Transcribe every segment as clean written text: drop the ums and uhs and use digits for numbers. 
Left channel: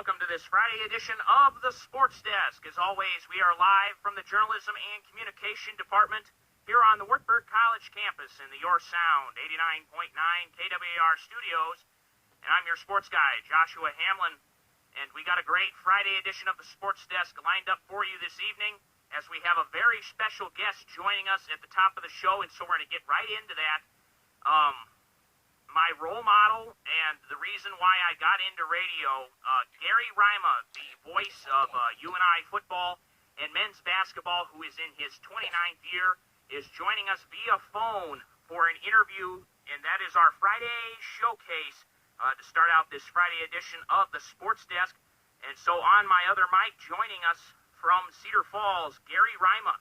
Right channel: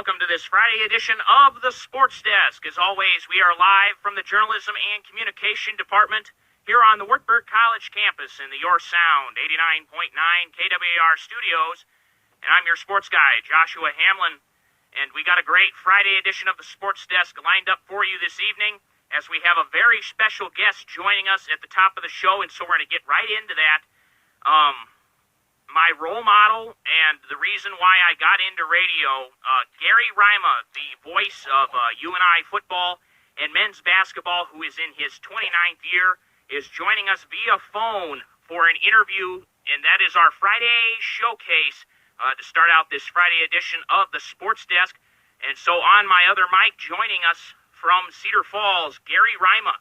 welcome to this Friday edition of the Sports Desk. As always, we are live from the Journalism and Communication Department here on the Wartburg College campus in the Your Sound 89.9 KWAR studios. And I'm your sports guy, Joshua Hamlin. And we got a great Friday edition of the Sports Desk lined up for you this evening, as we have a very special guest joining us at the top of the show, and so we're going to get right into that. My role model and the reason why I got into radio, Gary Rima, the voice of UNI football and men's basketball, who is in his 29th year, is joining us via phone for an interview, and that is our Friday showcase to start out this Friday edition of the Sports Desk. And so on my other mic, joining us from Cedar Falls, Gary Rima.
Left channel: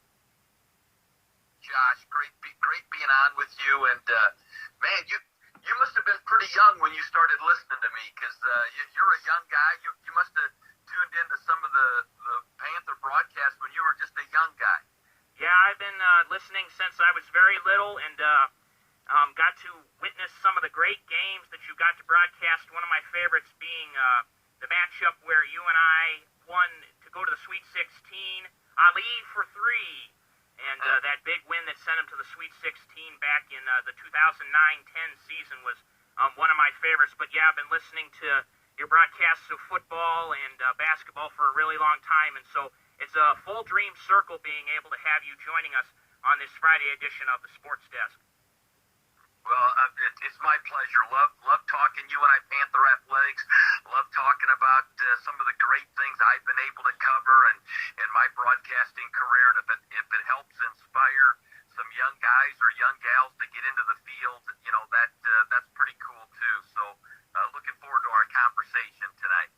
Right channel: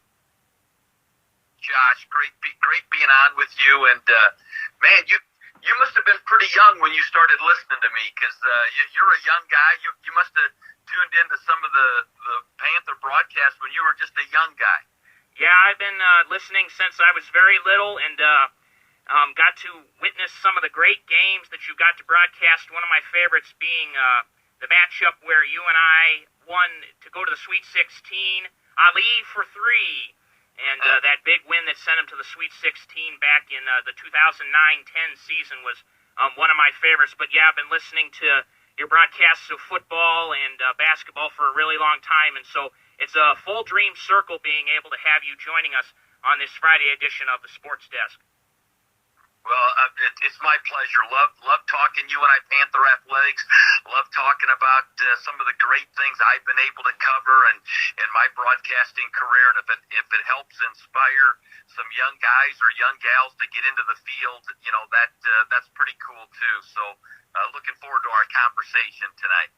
Josh, great being on with you, and man, you must have been pretty young when you started listening to me, because you're a young guy. You must have tuned into some of the Panther broadcasts when you were just a young guy. Yeah, I've been listening since I was very little, and got to witness some of the great games that you got to broadcast. One of my favorites being the matchup where UNI won to go to the Sweet 16, Ali for three. And that big win that sent him to the Sweet 16 back in the 2009-10 season was one of my favorites. But yeah, I've been listening to your broadcasts of football and basketball for a really long time. And so it's a full dream circle being able to have you joining us on this Friday edition of the Sports Desk. Well, it's my pleasure. Love talking UNI Panther athletics. Love talking about some of the great things I've been able to cover in my broadcasting career. And if it helps inspire some young guys or young gals to get into the field, that's pretty cool too. So looking forward to our conversation tonight.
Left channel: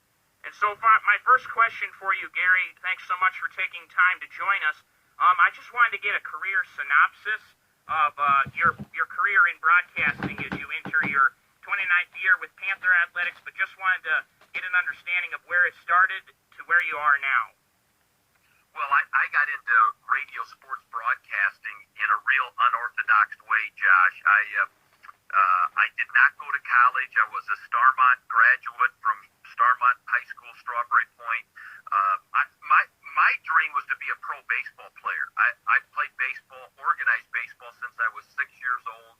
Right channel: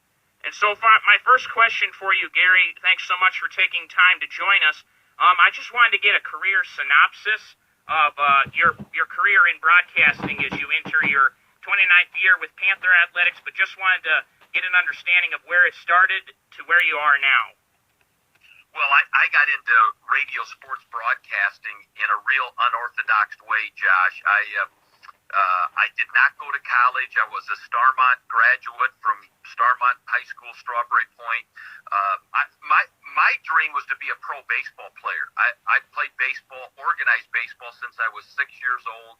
And so far, my first question for you, Gary, thanks so much for taking time to join us. I just wanted to get a career synopsis of your career in broadcasting as you enter your 29th year with Panther Athletics, but just wanted to get an understanding of where it started to where you are now. Well, I got into radio sports broadcasting in a real unorthodox way, Josh. I did not go to college. I was a Starmont graduate from Starmont High School, Strawberry Point. My dream was to be a pro baseball player. I played baseball, organized baseball, since I was 6 years old.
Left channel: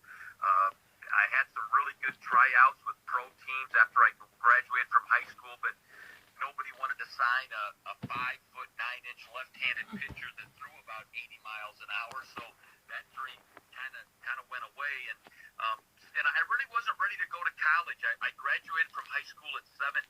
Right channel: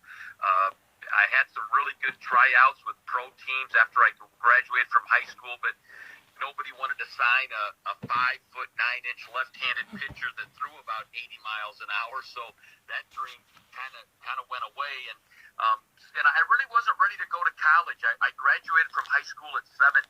I had some really good tryouts with pro teams after I graduated from high school, but nobody wanted to sign a 5'9" left-handed pitcher that threw about 80 miles an hour. So that dream kind of went away, and I really wasn't ready to go to college. I graduated from high school at 17,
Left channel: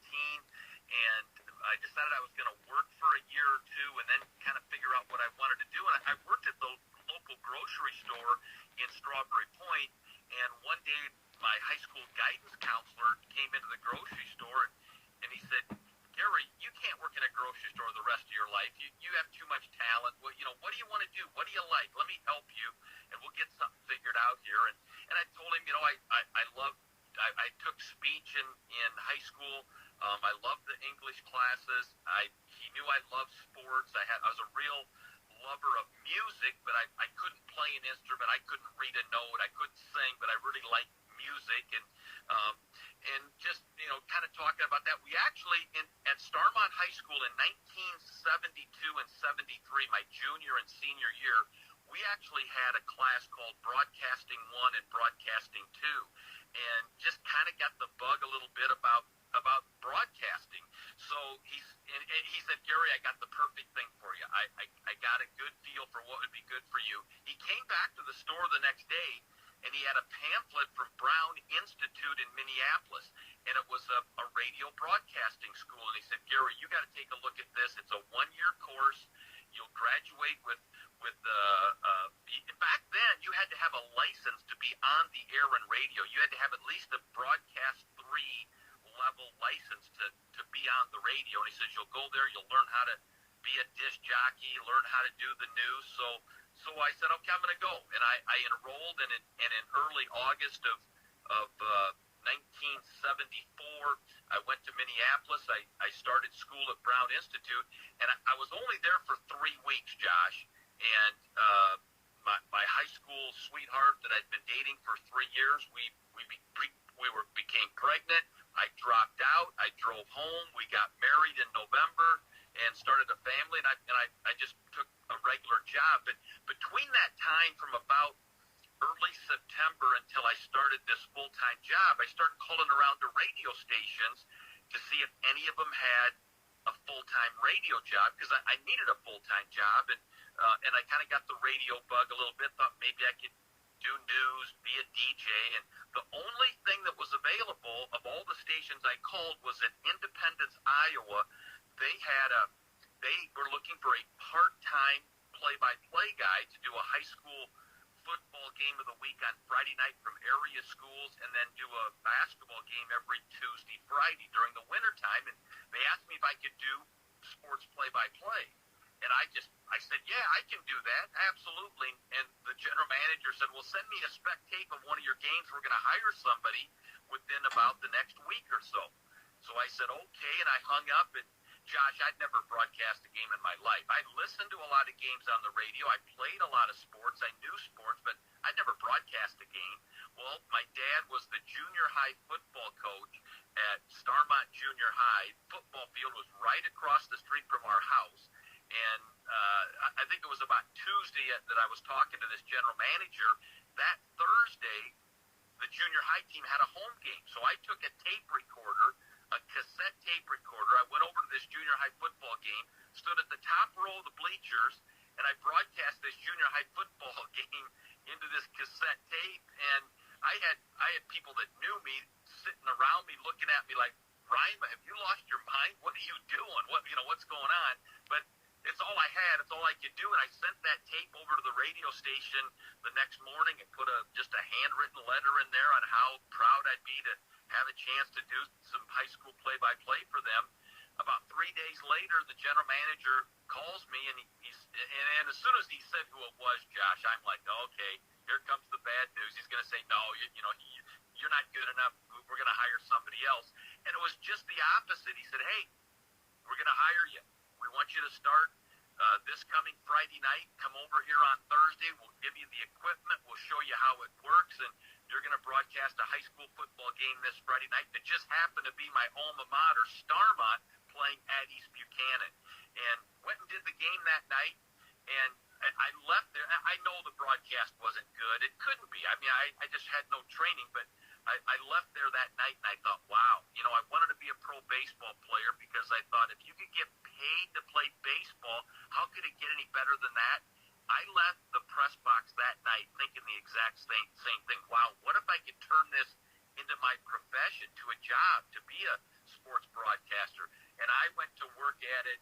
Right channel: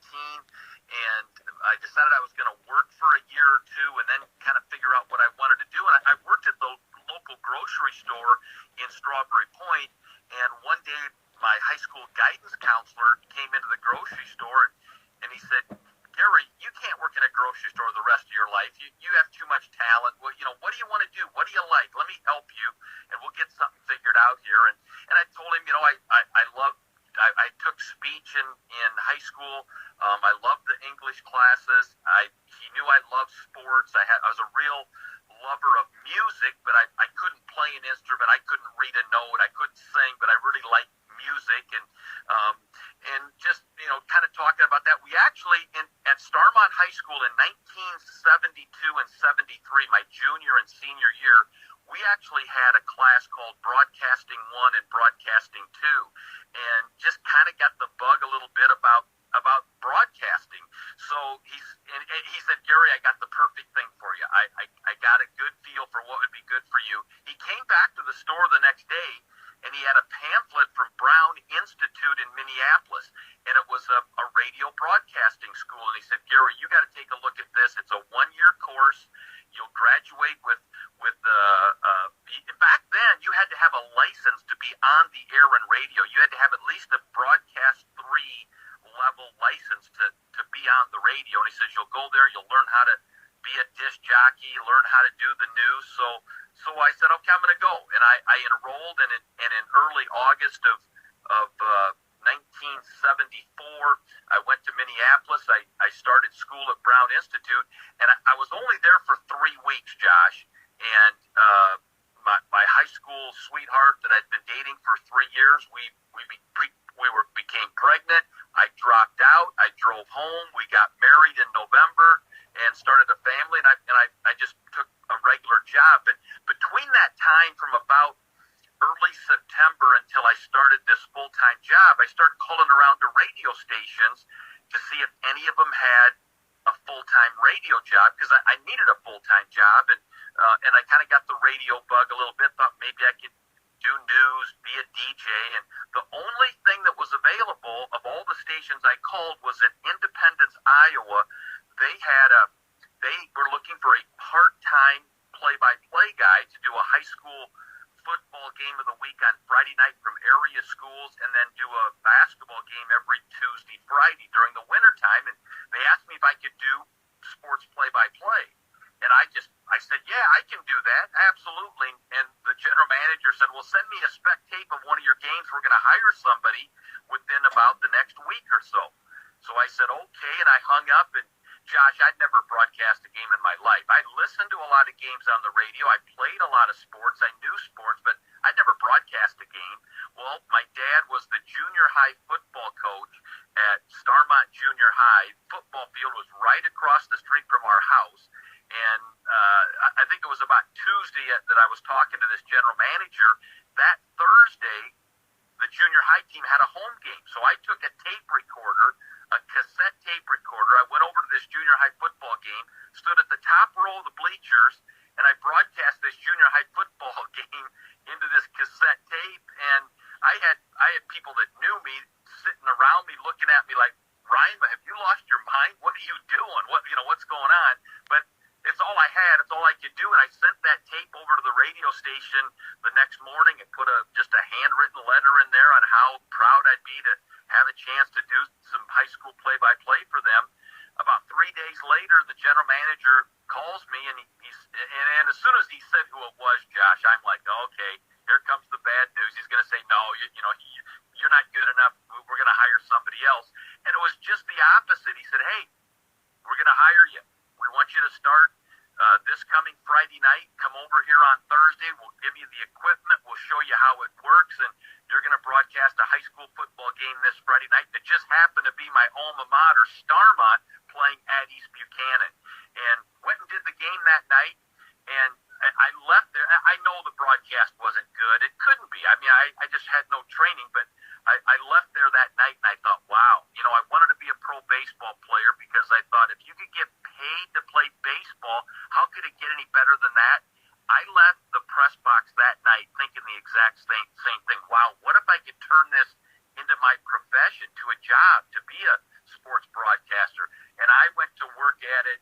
and I decided I was going to work for a year or two and then kind of figure out what I wanted to do. And I worked at the local grocery store in Strawberry Point, and one day my high school guidance counselor came into the grocery store, and he said, "Gary, you can't work in a grocery store the rest of your life. You have too much talent. Well, what do you want to do? What do you like? Let me help you, and we'll get something figured out here." And I told him, I took speech in high school. I loved the English classes. He knew I loved sports. I was a real lover of music, but I couldn't play an instrument. I couldn't read a note. I couldn't sing, but I really liked music. And just, kind of talking about that, we actually, at Starmont High School in 1972 and 73, my junior and senior year, we actually had a class called Broadcasting 1 and Broadcasting 2, and just kind of got the bug a little bit about broadcasting. So he said, "Gary, I got the perfect thing for you. I got a good feel for what would be good for you." He came back to the store the next day, and he had a pamphlet from Brown Institute in Minneapolis, and it was a radio broadcasting school. And he said, "Gary, you got to take a look at this. It's a one-year course. You'll graduate with back then you had to have a license to be on the air and radio. You had to have at least a broadcast 3 level license to be on the radio." And he says, "You'll go there, you'll learn how to be a disc jockey, learn how to do the news." So I said, "Okay, I'm going to go." And I enrolled, and in early August of 1974, I went to Minneapolis. I started school at Brown Institute, and I was only there for 3 weeks, Josh. And my high school sweetheart that I'd been dating for 3 years, became pregnant. I dropped out. I drove home. We got married in November and started a family. And I just took a regular job. But between that time, from about early September until I started this full-time job, I started calling around to radio stations to see if any of them had a full-time radio job, because I needed a full-time job, and I kind of got the radio bug a little bit, thought maybe I could do news, be a DJ, and the only thing that was available of all the stations I called was in Independence, Iowa. They were looking for a part-time play-by-play guy to do a high school football game of the week on Friday night from area schools, and then do a basketball game every Tuesday, Friday during the wintertime. And they asked me if I could do sports play-by-play. And I said, yeah, I can do that, absolutely. And the general manager said, well, send me a spec tape of one of your games. We're going to hire somebody within about the next week or so. So I said, okay, and I hung up. And Josh, I'd never broadcast a game in my life. I listened to a lot of games on the radio. I played a lot of sports. I knew sports, but I'd never broadcast a game. Well, my dad was the junior high football coach at Starmont Junior High. Football field was right across the street from our house. And I think it was about Tuesday that I was talking to this general manager. That Thursday, the junior high team had a home game. So I took a tape recorder, a cassette tape recorder. I went over to this junior high football game, stood at the top row of the bleachers, and I broadcast this junior high football game into this cassette tape. And I had people that knew me sitting around me, looking at me like, Rima, have you lost your mind? What are you doing? What's going on? But it's all I had. It's all I could do. And I sent that tape over to the radio station the next morning and put just a handwritten letter in there on how proud I'd be to have a chance to do some high school play-by-play for them. About 3 days later, the general manager calls me, and and as soon as he said who it was, Josh, I'm like, okay, here comes the bad news. He's going to say, no, you're not good enough. We're going to hire somebody else. And it was just the opposite. He said, hey, we're going to hire you. We want you to start this coming Friday night. Come over here on Thursday. We'll give you the equipment. We'll show you how it works. And you're going to broadcast a high school football game this Friday night that just happened to be my alma mater, Starmont, playing at East Buchanan. And went and did the game that night. And I left there. I know the broadcast wasn't good. It couldn't be. I mean, I just had no training. But I left there that night, and I thought, wow, I wanted to be a pro baseball player, because I thought if you could get paid to play baseball, how could it get any better than that? I left the press box that night thinking the exact same thing. Wow, what if I could turn this into my profession, to a job, to be a sports broadcaster? And I went to work at it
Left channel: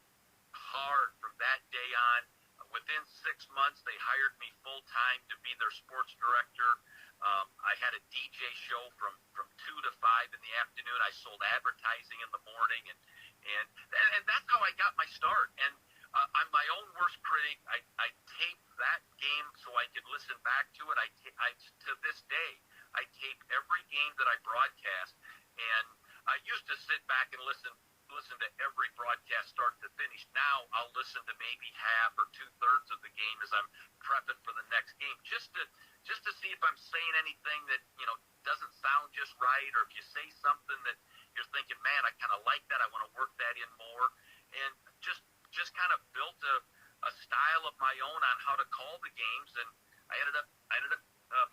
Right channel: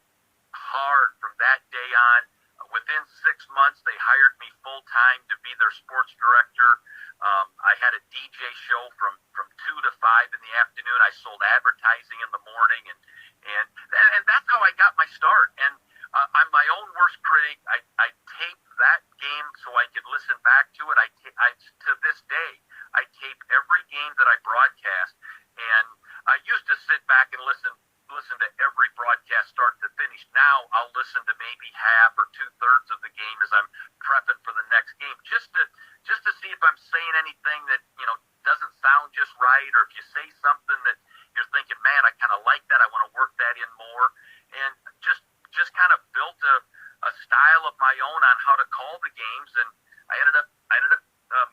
hard from that day on. Within 6 months, they hired me full-time to be their sports director. I had a DJ show from 2 to 5 in the afternoon. I sold advertising in the morning, and that's how I got my start. And I'm my own worst critic. I taped that game so I could listen back to it. To this day, I tape every game that I broadcast, and I used to sit back and listen to every broadcast start to finish. Now I'll listen to maybe half or 2/3 of the game as I'm prepping for the next game, just to see if I'm saying anything that doesn't sound just right, or if you say something that you're thinking, man, I kind of like that, I want to work that in more. And just kind of built a style of my own on how to call the games. And I ended up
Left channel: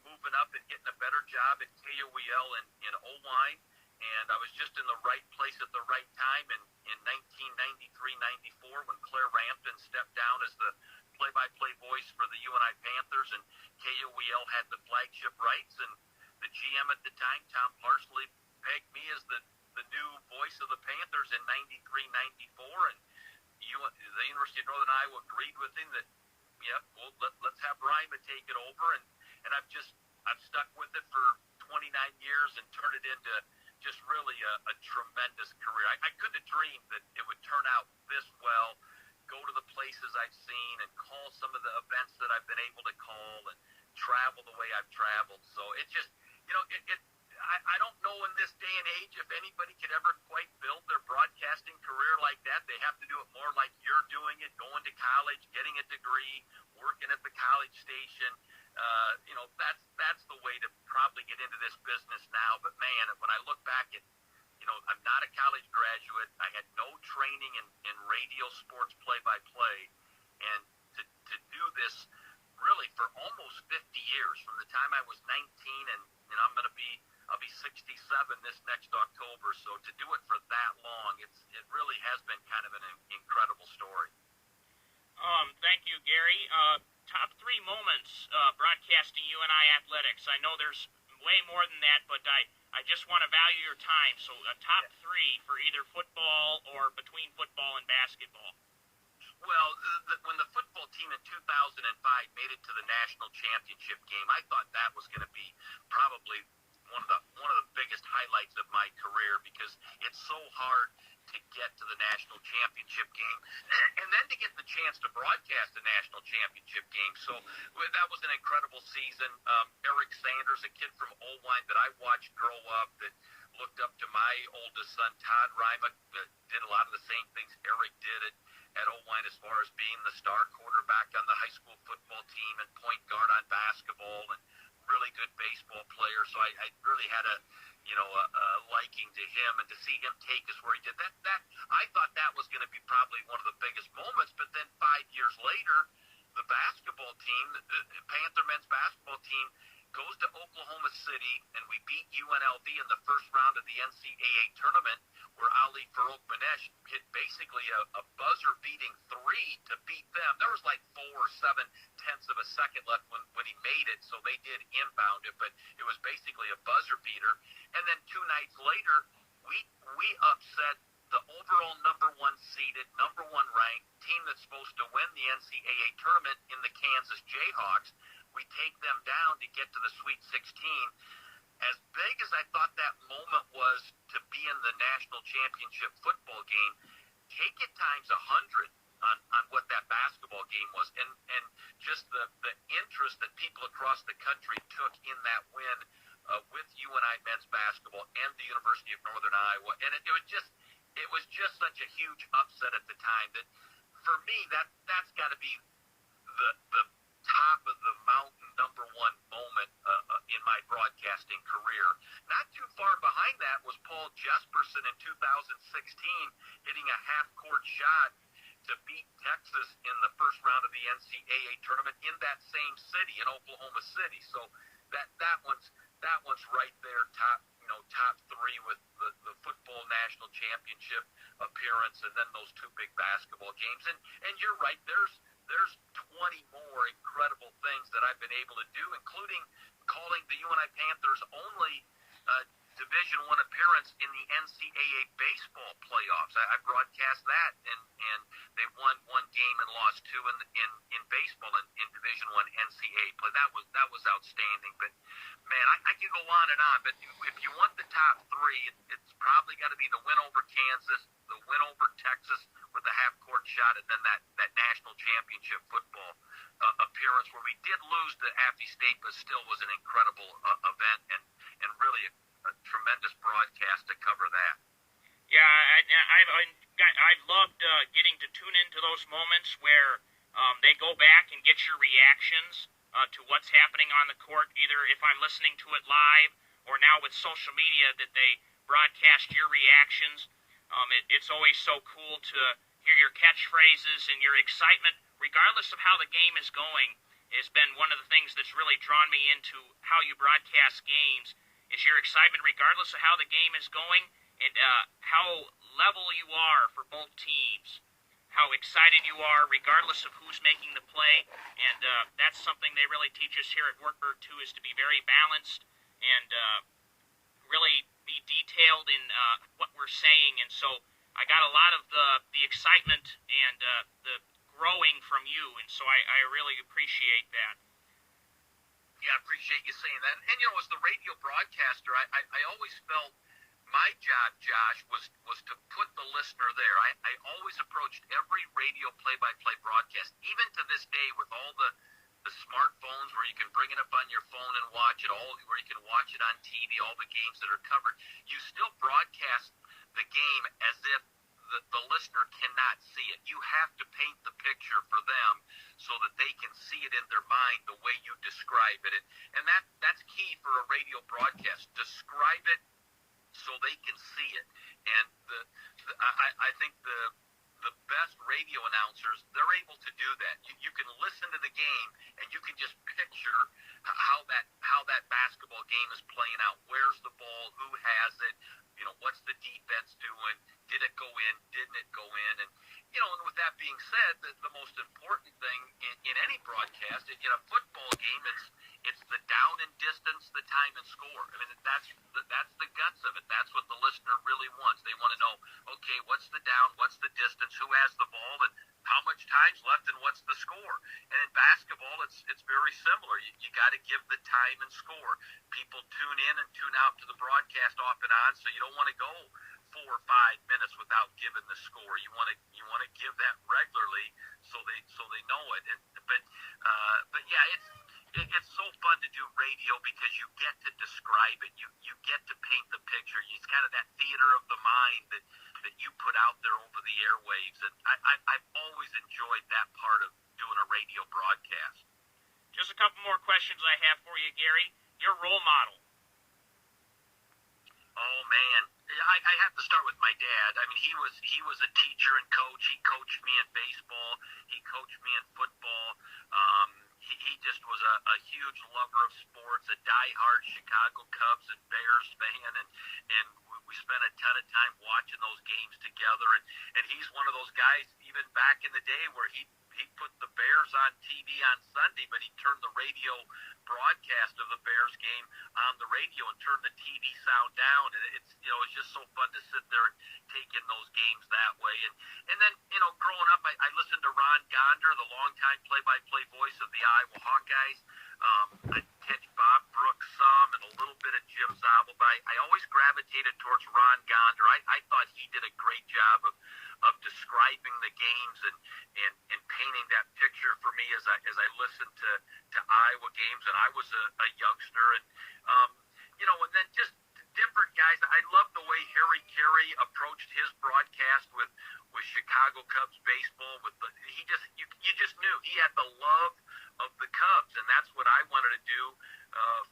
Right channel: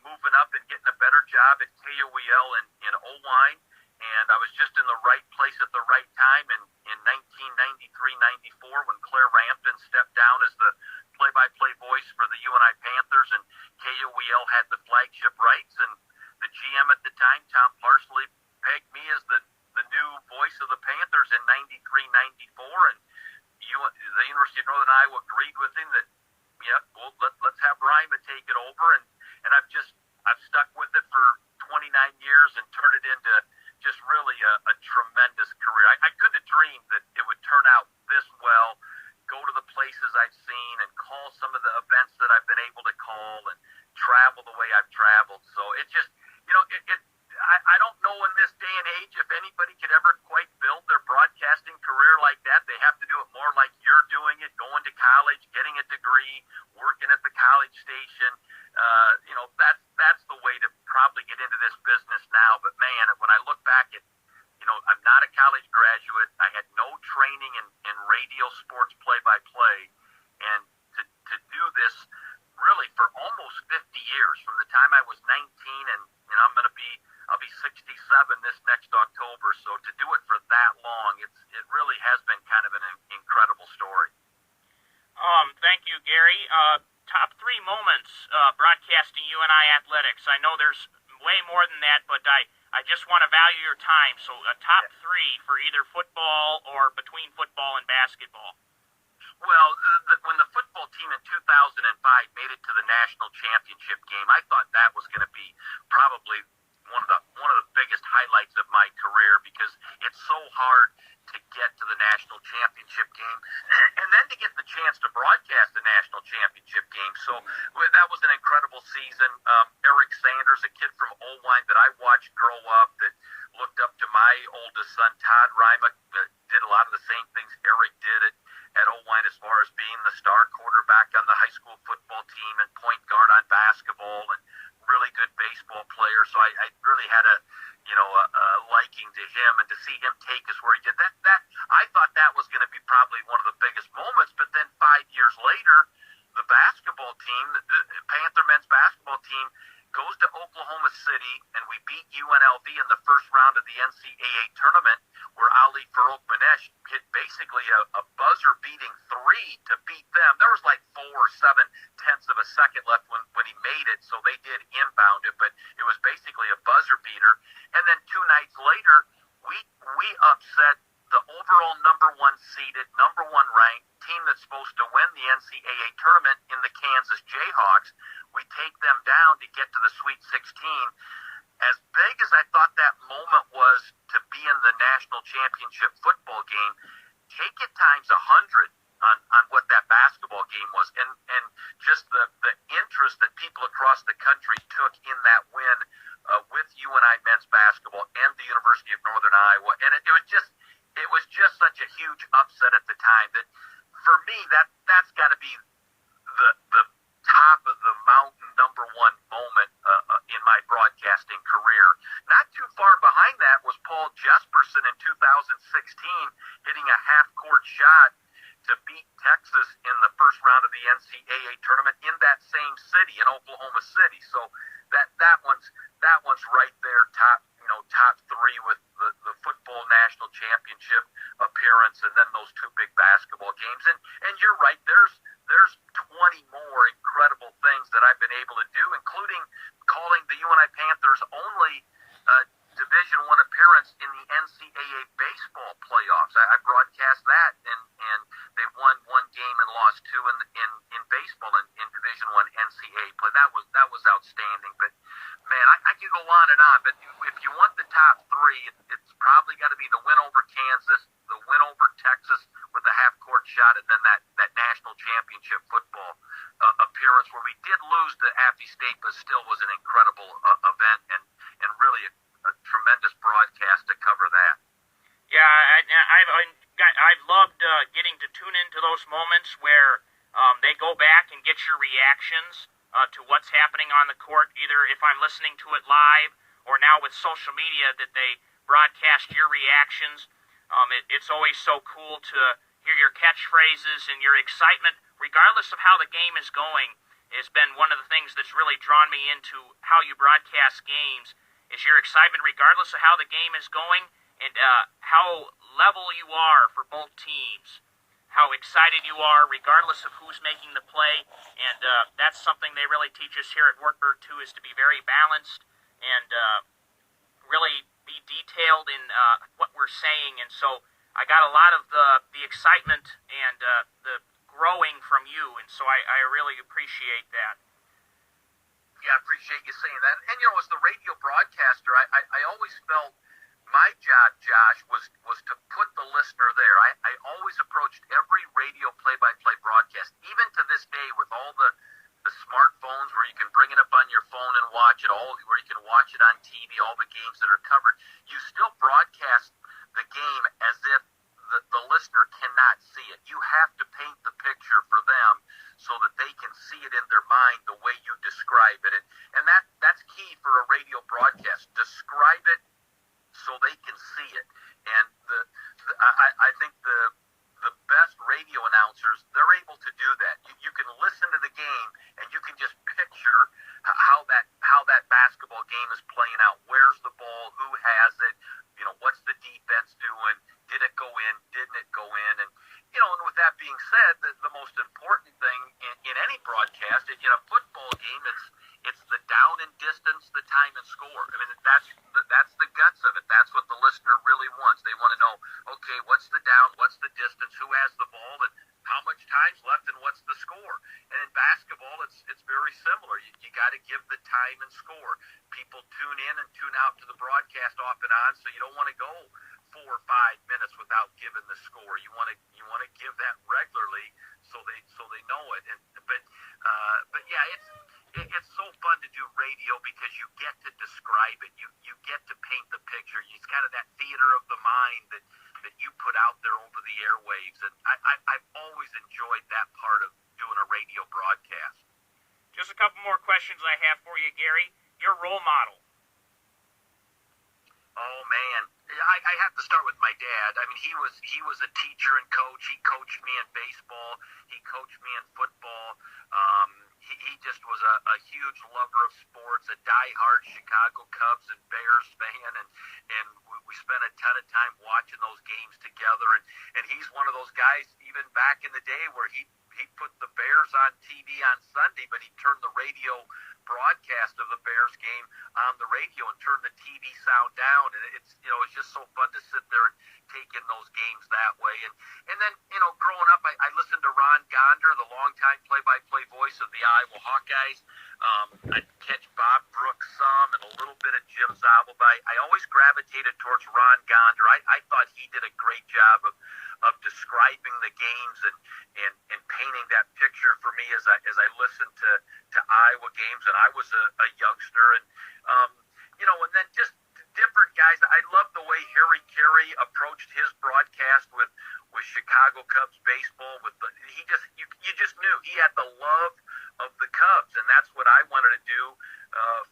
moving up and getting a better job at KWAR in Owine. And I was just in the right place at the right time in 1993-94 when Claire Rampton stepped down as the play-by-play voice for the UNI Panthers, and KOEL had the flagship rights. And the GM at the time, Tom Parsley, pegged me as the new voice of the Panthers in 93-94. And the University of Northern Iowa agreed with him that, yep, well, let's have Rima take it over. And I've stuck with it for 29 years and turned it into just really a tremendous career. I couldn't have dreamed that it would turn out this well, go to the places I've seen and call some of the events that I've been able to call and travel the way I've traveled. So it just, I don't know in this day and age if anybody could ever quite build their broadcasting career like that. They have to do it more like you're doing it, going to college, getting a degree, working at the college station. That's the way to probably get into this business now. But man, when I look back at, I'm not a college graduate. I had no training in radio sports play-by-play, and to do this really for almost 50 years, from the time I was 19, and I'll be 67 this next October. So to do it for that long, it really has been kind of an incredible story. Thank you, Gary. Top 3 moments broadcasting UNI athletics. I know there's way more than that, but I just want to value your time. So a top 3 for either football or between football and basketball. Well, when the football team in 2005 made it to the national championship game, I thought that was going to be probably one of the biggest highlights of my career, because it's so hard to get to the national championship game and then to get the chance to broadcast the national championship game. So that was an incredible season. Eric Sanders, a kid from Owine that I watched grow up, that looked up to my oldest son, Todd Rima, that did a lot of the same things Eric did at Owine, as far as being the star quarterback on the high school football team and point guard on basketball, and really good baseball player. So I really had a liking to him, and to see him take us where he did, that I thought that was going to be probably one of the biggest moments. But then 5 years later, the basketball team, the Panther men's basketball team, goes to Oklahoma City, and we beat UNLV in the first round of the NCAA tournament, where Ali Farouk-Manesh hit basically a buzzer-beating 3 to beat them. There was like 4 or 7 tenths of a second left when he made it, so they did inbound it, but it was basically a buzzer beater. And then 2 nights later, we upset the overall number 1 seeded, number 1 ranked team that's supposed to win the NCAA tournament in the Kansas Jayhawks. We take them down to get to the Sweet 16. As big as I thought that moment was to be in the national championship football game, take it times 100 on what that basketball game was, and just the interest that people across the country took in that win with UNI men's basketball and the University of Northern Iowa. And it was just such a huge upset at the time that, for me, that's got to be the top of the mountain number 1 moment in my broadcasting career. Not too far behind that was Paul Jesperson in 2016 hitting a half-court shot to beat Texas in the first round of the NCAA tournament in that same city, in Oklahoma City. So that one's right there, top 3 with the football national championship appearance, and then those 2 big basketball games. And you're right, there's 20 more incredible things that I've been able to do, including calling the UNI Panthers' only Division I appearance in the NCAA baseball playoffs. I broadcast that, and they won 1 game and lost 2 in baseball in Division I NCAA play. That was outstanding. But man, I could go on and on. But if you want the top 3, it's probably got to be the win over Kansas, the win over Texas with the half-court shot, and then that national championship football appearance where we did lose to Appy State, but still was an incredible event, and really a tremendous broadcast to cover that. Yeah, I've loved getting to tune into those moments where they go back and get your reactions to what's happening on the court, either if I'm listening to it live or now with social media that they broadcast your reactions. It's always so cool to hear your catchphrases and your excitement, regardless of how the game is going, has been one of the things that's really drawn me into how you broadcast games, is your excitement regardless of how the game is going, and how level you are for both teams, how excited you are regardless of who's making the play. And that's something they really teach us here at Wartburg too, is to be very balanced and really be detailed in what we're saying. And so I got a lot of the excitement and the growing from you, and so I really appreciate that. Yeah, I appreciate you saying that. And as the radio broadcaster, I always felt my job, Josh, was to put the listener there. I always approached every radio play-by-play broadcast, even to this day, with all the smartphones where you can bring it up on your phone and watch it, where you can watch it on TV, all the games that are covered. You still broadcast the game as if the listener cannot see it. You have to paint the picture for them so that they can see it in their mind the way you describe it. And that's key for a radio broadcast. Describe it so they can see it. And I think the best radio announcers, they're able to do that. You can listen to the game and you can just picture how that basketball game is playing out. Where's the ball? Who has it? What's the defense doing? Did it go in? Didn't it go in? And and with that being said, the most important thing in any broadcast, in a football game, it's the down and distance, the time and score. I mean, that's the guts of it. That's what the listener really wants. They want to know, okay, what's the down, what's the distance, who has the ball, and how much time's left, and what's the score. And in basketball, it's very similar. You got to give the time and score. People tune in and tune out to the broadcast off and on, so you don't want to go 4 or 5 minutes without giving the score. You want to give that regularly so they know it. But yeah, it's so fun to do radio because you get to describe it. You get to paint the picture. It's kind of that theater of the mind that you put out there over the airwaves. And I've always enjoyed that part of doing a radio broadcast. Just a couple more questions I have for you, Gary. Your role model. Oh man, I have to start with my dad. I mean, he was a teacher and coach. He coached me in baseball. He coached me in football. He just was a huge lover of sports, a diehard Chicago Cubs and Bears fan, and we spent a ton of time watching those games together. And he's one of those guys, even back in the day, where he put the Bears on TV on Sunday, but he turned the radio broadcast of the Bears game on the radio and turned the TV sound down. And it's just so fun to sit there and take in those games that way. And then, growing up, I listened to Ron Gonder, the longtime play-by-play voice of the Iowa Hawkeyes. I'd catch Bob Brooks some and a little bit of Jim Zabel. But I always gravitated towards Ron Gonder. I thought he did a great job of describing the games and painting that picture for me as I listened to Iowa games, and I was a youngster, and and then just different guys. I love the way Harry Carey approached his broadcast with Chicago Cubs baseball. You just knew he had the love of the Cubs, and that's what I wanted to do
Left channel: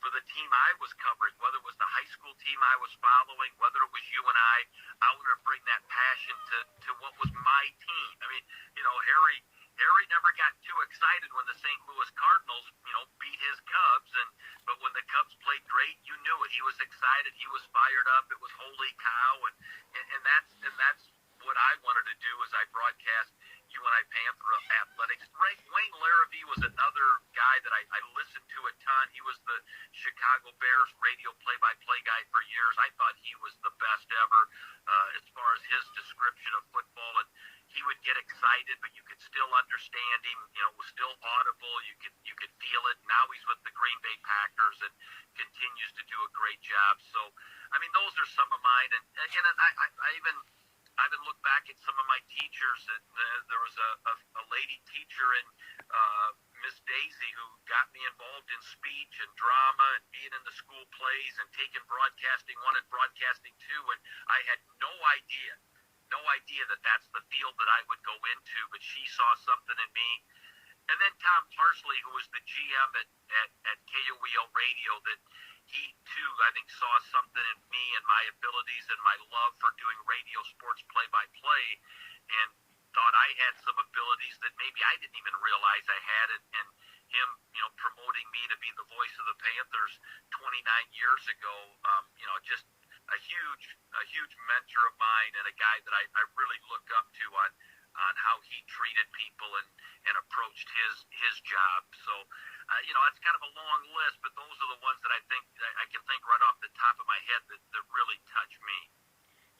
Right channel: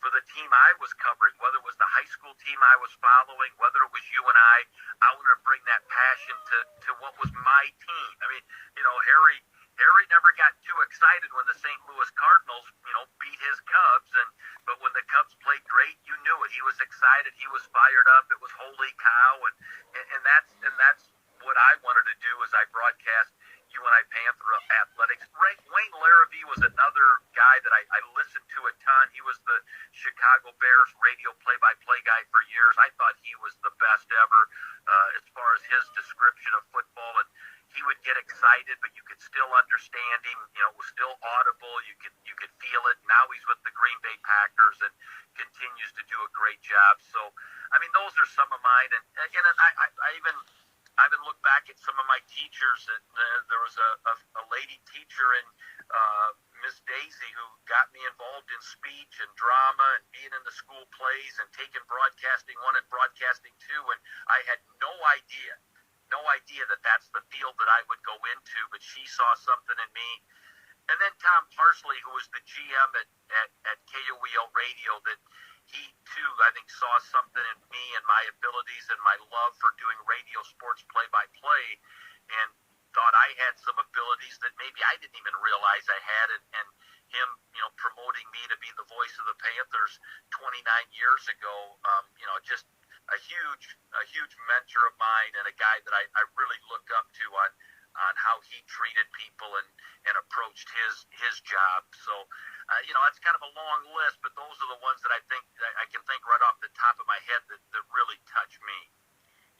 for the team I was covering, whether it was the high school team I was following, whether it was you and I wanted to bring that passion to what was my team. I mean, Harry never got too excited when the St. Louis Cardinals, beat his Cubs, but when the Cubs played great, you knew it. He was excited. He was fired up. It was holy cow, and that's what I wanted to do as I broadcast UNI Panther athletics. Wayne Larrabee was another guy that I listened to a ton. He was the Chicago Bears radio play-by-play guy for years. I thought he was the best ever as far as his description of football, and he would get excited, but you could still understand him. It was still audible. You could feel it. Now he's with the Green Bay Packers and continues to do a great job. So, I mean, those are some of mine. And I even look back at some of my teachers. There was a lady teacher in Miss Daisy who got me involved in speech and drama and being in the school plays and taking broadcasting 1 and broadcasting 2. And I had no idea that that's the field that I would go into, but she saw something in me. And then Tom Parsley, who was the GM at KOEL Radio, that he too, I think, saw something in me and my abilities and my love for doing radio sports play-by-play, and thought I had some abilities that maybe I didn't even realize I had, and him, promoting me to be the voice of the Panthers 29 years ago, just a huge mentor of mine and a guy that I really look up to on how he treated people and approached his job. So, that's kind of a long list, but those are the ones that I can think right off the top of my head that really touch me.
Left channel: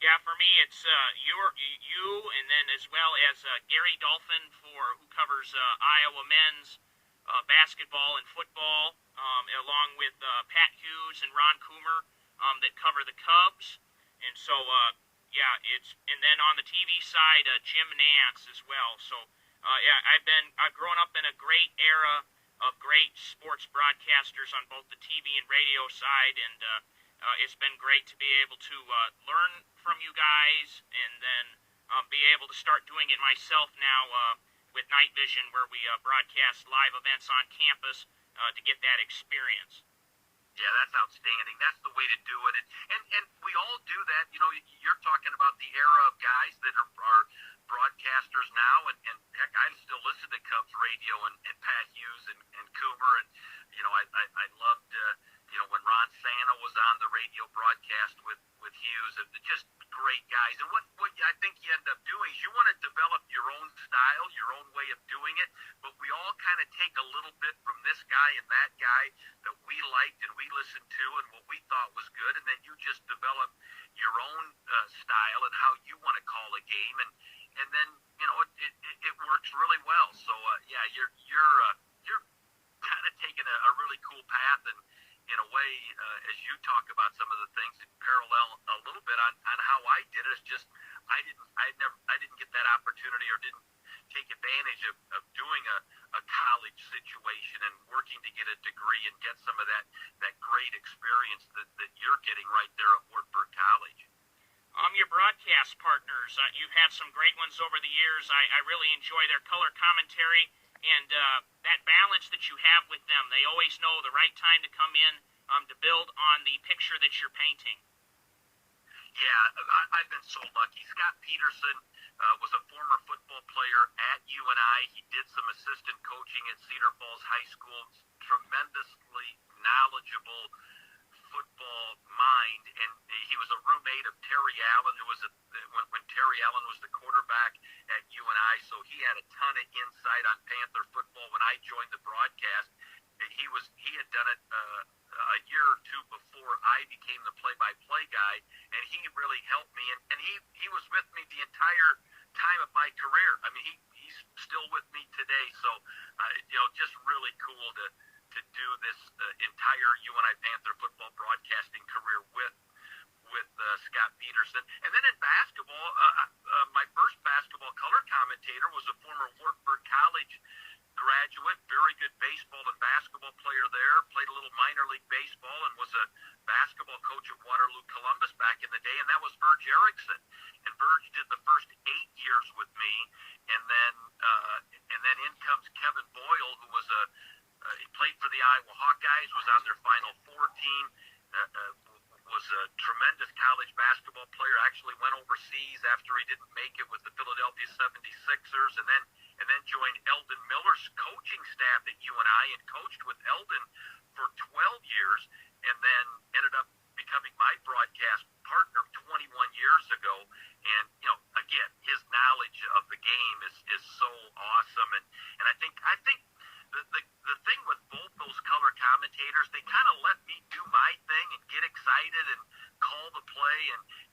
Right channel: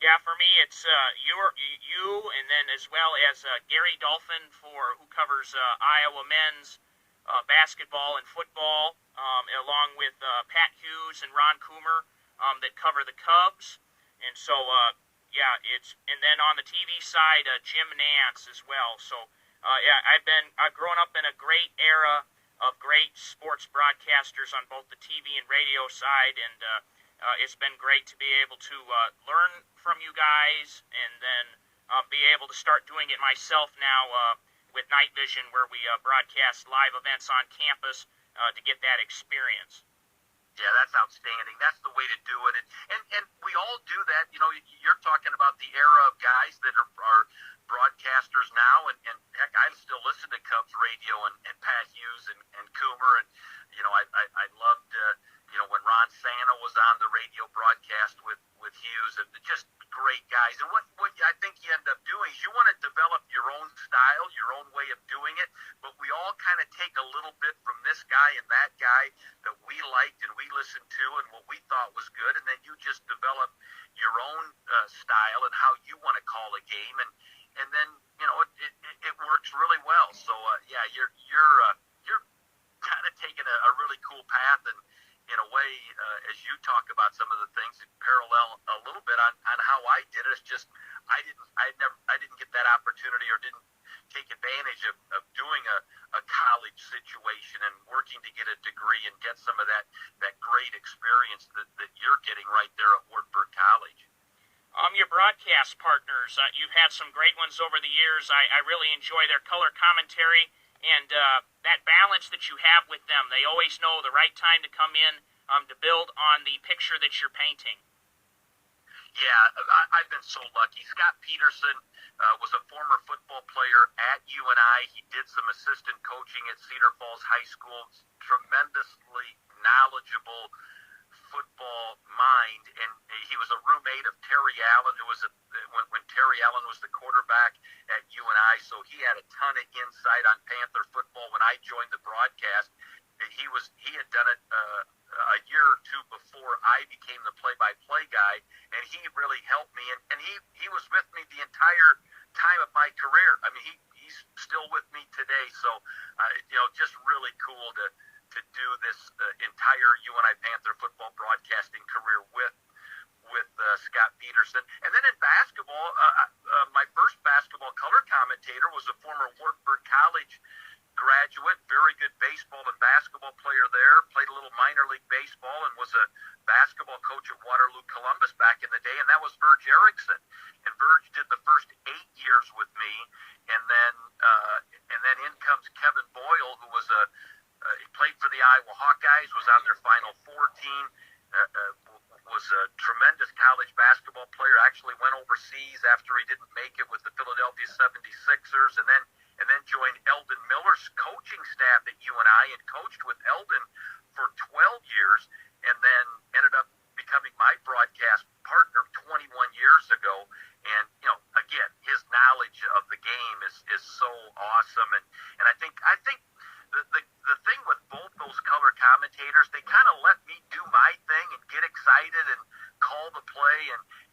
Yeah, for me, it's you, and then as well as Gary Dolphin who covers Iowa men's basketball and football, along with Pat Hughes and Ron Coomer that cover the Cubs. And so, and then on the TV side, Jim Nance as well. So, I've grown up in a great era of great sports broadcasters on both the TV and radio side, and it's been great to be able to learn from you guys, and then be able to start doing it myself now with night vision, where we broadcast live events on campus to get that experience. Yeah, that's outstanding. That's the way to do it. And we all do that. You know, you're talking about the era of guys that are broadcasters now, and heck, I still listen to Cubs radio and Pat Hughes and Coomer, and you know, I loved you know, when Ron Santo was on the radio broadcast with Hughes, and just great guys. And what I think you end up doing is you want to develop your own style, your own way of doing it, but we all kind of take a little bit from this guy and that guy that we liked and we listened to and what we thought was good, and then you just develop your own style and how you want to call a game, and then you know it works really well. So yeah, you're kind of taking a really cool path, and in a way, as you talk about some of the things, it parallel a little bit on how I did it. It's just I didn't get that opportunity, or didn't take advantage of doing a college situation and working to get a degree and get some of that great experience that you're getting right there at Wartburg College. Your broadcast partners, you've had some great ones over the years. I really enjoy their color commentary and that balance that you have with them. They always know the right time to come in to build on the picture that you're painting. Yeah, I've been so lucky. Scott Peterson was a former football player at UNI. He did some assistant coaching at Cedar Falls High School. Tremendously knowledgeable football mind, and he was a roommate of Terry Allen, who was when Terry Allen was the quarterback at UNI, so he had a ton of insight on Panther football. When I joined the broadcast, he had done it a year or two before I became the play-by-play guy, and he really helped me, and he was with me the entire time of my career. I mean, he's still with me today, so you know, just really cool to do this entire UNI Panther football broadcasting career with Scott Peterson. And then in basketball, my first basketball color commentator was a former Wartburg College graduate, very good baseball and basketball player there, played a little minor league baseball, and was a basketball coach at Waterloo Columbus back in the day, and that was Verge Erickson. And Verge did the first 8 years with me, and then in comes Kevin Boyle, who was he played for the Iowa Hawkeyes, was on their Final Four team, was a tremendous college basketball player, actually went overseas after he didn't make it with the Philadelphia 76ers, and then joined Eldon Miller's coaching staff at UNI and coached with Eldon for 12 years, and then ended up becoming my broadcast partner 21 years ago. And you know, again, his knowledge of the game is so awesome, and I think the thing with both those color commentators, they kind of let me do my thing and get excited and call the play,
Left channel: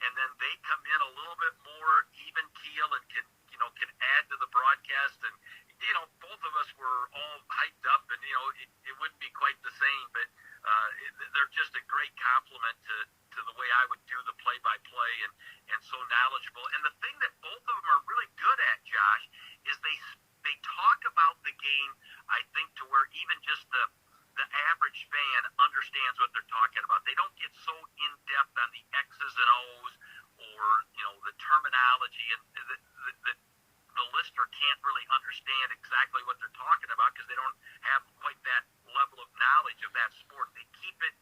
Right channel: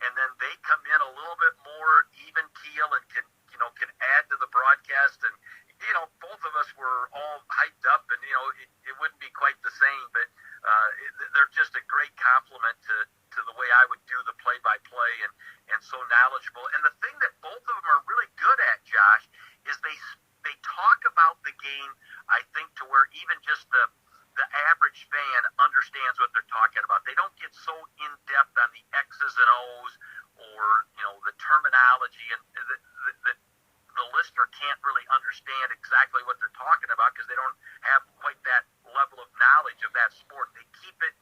and then they come in a little bit more even keel and can add to the broadcast. And you know, both of us were all hyped up, and you know, it wouldn't be quite the same, but they're just a great compliment to the way I would do the play-by-play, and so knowledgeable. And the thing that both of them are really good at, Josh, is they talk about the game, I think, to where even just the average fan understands what they're talking about. They don't get so in-depth on the X's and O's, or you know, the terminology, and the listener can't really understand exactly what they're talking about because they don't have quite that level of knowledge of that sport. They keep it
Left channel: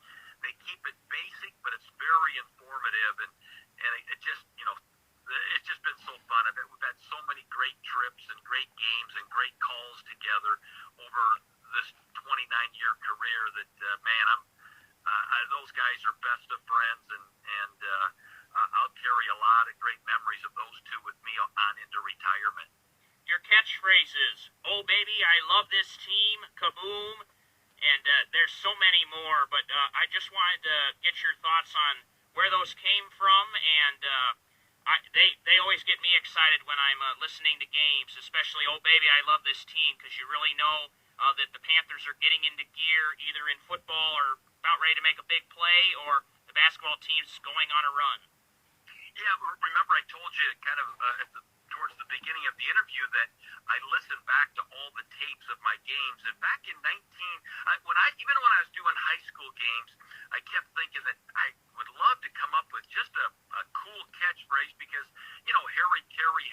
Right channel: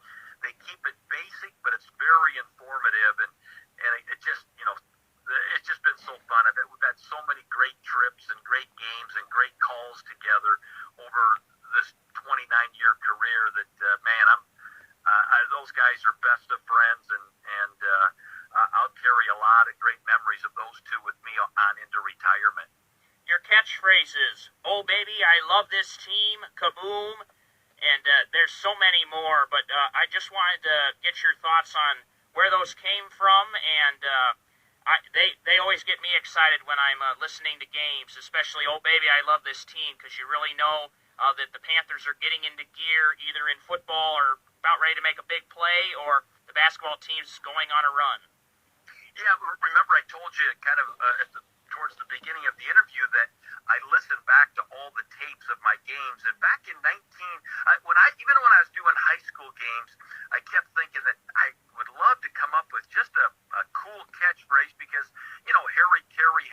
basic, but it's very informative, and it just, you know, it's just been so fun. We've had so many great trips and great games and great calls together over this 29-year career that, man, those guys are best of friends, and I'll carry a lot of great memories of those two with me on into retirement. Your catchphrases, "Oh, baby, I love this team," "Kaboom," and there's so many more, but I just wanted to get your thoughts on where those came from, and they always get me excited when I'm listening to games, especially "Oh, baby, I love this team," because you really know that the Panthers are getting into gear either in football or about ready to make a big play, or the basketball team's going on a run. Yeah, remember I told you kind of towards the beginning of the interview that I listened back to all the tapes of my games, and back in when I was doing high school games, I kept thinking that I would love to come up with just a cool catchphrase, because you know, Harry Carey